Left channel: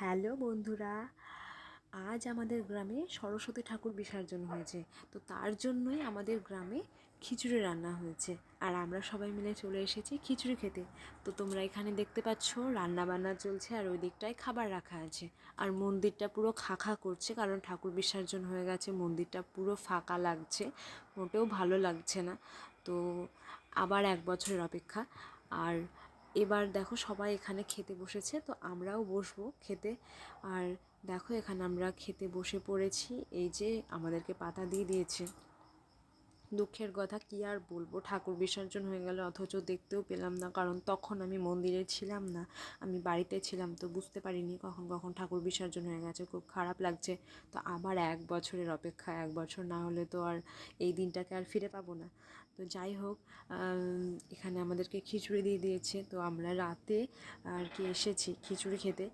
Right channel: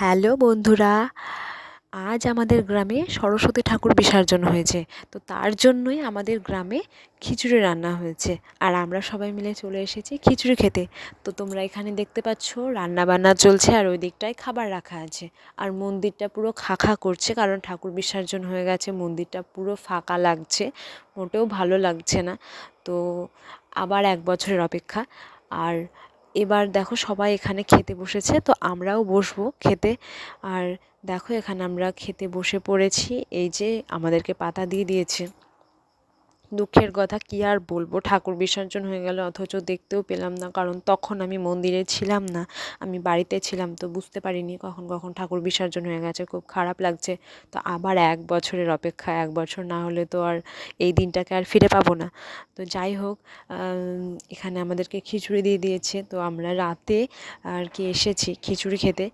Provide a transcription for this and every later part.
Hello বন্ধুরা, আজ আমাদের গ্রামে সরস্বতী ঠাকুর বিসর্জন হয়েছে। তো তার জন্যই আমাদের গ্রামে খিচুড়ি রান্না হয়েছে। আর আমরা সবাই মিলে চলে এসেছি খিচুড়ি খেতে। তো তোমরা এখানে দেখতে পাচ্ছ রান্না বান্না চলছে আর ওই দিকটায় খাবার রাখা আছে। আর মন্দিরটা পুরো খাখা করছে কারণ ঠাকুর বিসর্জন হয়ে গেছে, মন্দিরটা পুরো ফাঁকা লাগছে, মোটেও ভালো লাগছে না। তো আবার এক বছরের অপেক্ষা। আর এবার দেখো সবাই এখানে খেতে বসেছে, তো আমরাও বসবো খেতে। আর দেখো এখানে আমরা খেতে বসে পড়েছি, এই যে আমাদেরকে পাতা দিয়ে দিয়েছে। দুঃখের কথা কী আর বলব? ঠাকুর বিসর্জন হয়ে গেল, অথচ দেখতেও পেলাম না, কারণ তখন আমি মন্দিরে ছিলাম না, আমি বাড়িতে ছিলাম, তো বুঝতে পারিনি কখন কখন ঠাকুর বিসর্জন হয়ে গেছে, খুব খারাপ লাগছে। তো আবার এক বছরের অপেক্ষা, এক বছর না হলে তো আর এই দিনটাকে আর ফিরে পাবো না। তো যাই হোক এখানে আমাদেরকে খিচুড়ি দিয়ে দিয়েছে, তো আমরা রাতে আর কি এসেছি খিচুড়ি খেতে।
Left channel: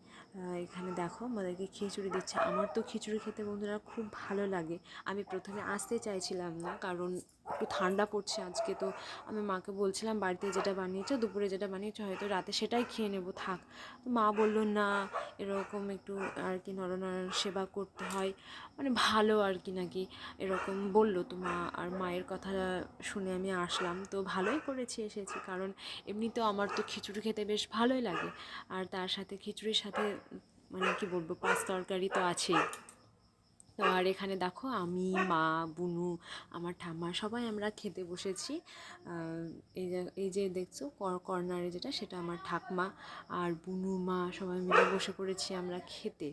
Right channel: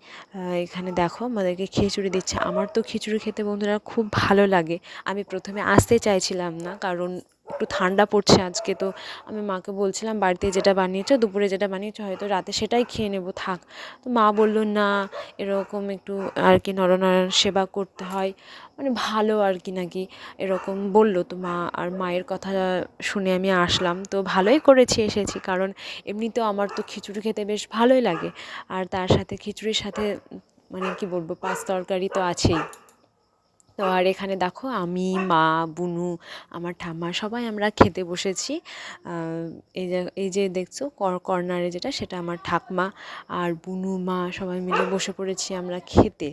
এখানে দেখো আমাদেরকে খিচুড়ি দিচ্ছে। আমার তো খিচুড়ি খেতে বন্ধুরা খুব ভালো লাগে। আমি প্রথমে আসতে চাইছিলাম না, কারণ একটু ঠান্ডা পড়ছে আজকে, তো আমি মাকে বলছিলাম বাড়িতে যেটা বানিয়েছো, দুপুরে যেটা বানিয়েছো, হয়তো রাতে সেটাই খেয়ে নেব, থাক। তো মা বলল, না, এরকম একটু আর কি নরনারায়ণ সেবা করতে হয়। মানে ভালো আর কি নাকি, এরকম বলল। তো মা আর মায়ের কথা শুনে আমি আসলাম। তো ভালোই করেছি, এসেছি। কারণ এমনিতেও আমার তো খিচুড়ি খেতে বেশ ভালোই লাগে। আর তার সাথে খিচুড়ির সাথে মানে কি বলব, পাঁচ তরকারি তো আছেই। তো আর এখানে দেখো আমি, মা, বুনু, আমার ঠাম্মা সবাই আমরা খেতে বসেছি। এই যে এই যে দেখছ কর্নারে যেটা সেটা আমার ঠাকমা আর বুনু, মা সবাই মিলে বসে পড়েছি আমরা খেতে।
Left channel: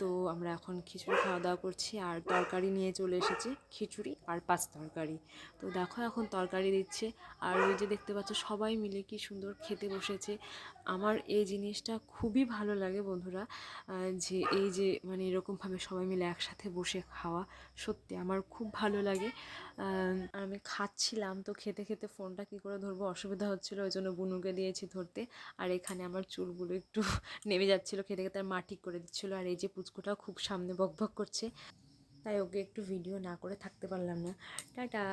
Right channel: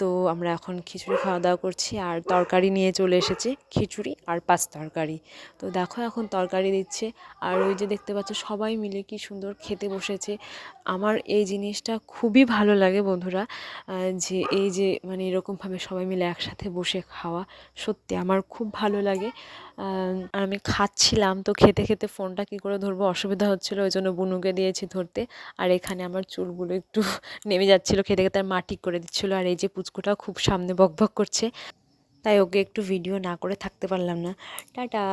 তো আমরা এখন খিচুড়ি খাওয়া দাওয়া করছি আর তরকারি নিয়ে চলে এসেছে, খিচুড়ি আর পাঁচ তরকারি। তো দেখো এখন তরকারি দিচ্ছে আর ওই যে দেখতে পাচ্ছ সবাই মিলে কি সুন্দর খেতে বসেছে। আমার এই জিনিসটা খুবই ভালো লাগে বন্ধুরা যে এই যে মানে এরকমভাবে সবাই মিলে একসাথে বসে খাওয়া সত্যি আমার খুব ভালো লাগে। আর আমি খাচ্ছিলাম তো খেতে খেতে ফোনটা কী করে ধরবো অসুবিধা হচ্ছিল, ওই জন্য বুনুকে দিয়েছি ধরতে। আর এখানে আমার চুলগুলো একটু নেমে যাচ্ছিল, খেতে খেতে আর মাটি করে দিচ্ছিল। আর এই যে পুচকুটা খুব সামনে বক বক করছে, তাই ওকে একটু ভিডিও না করে থাকতে পারলাম না। টাটা!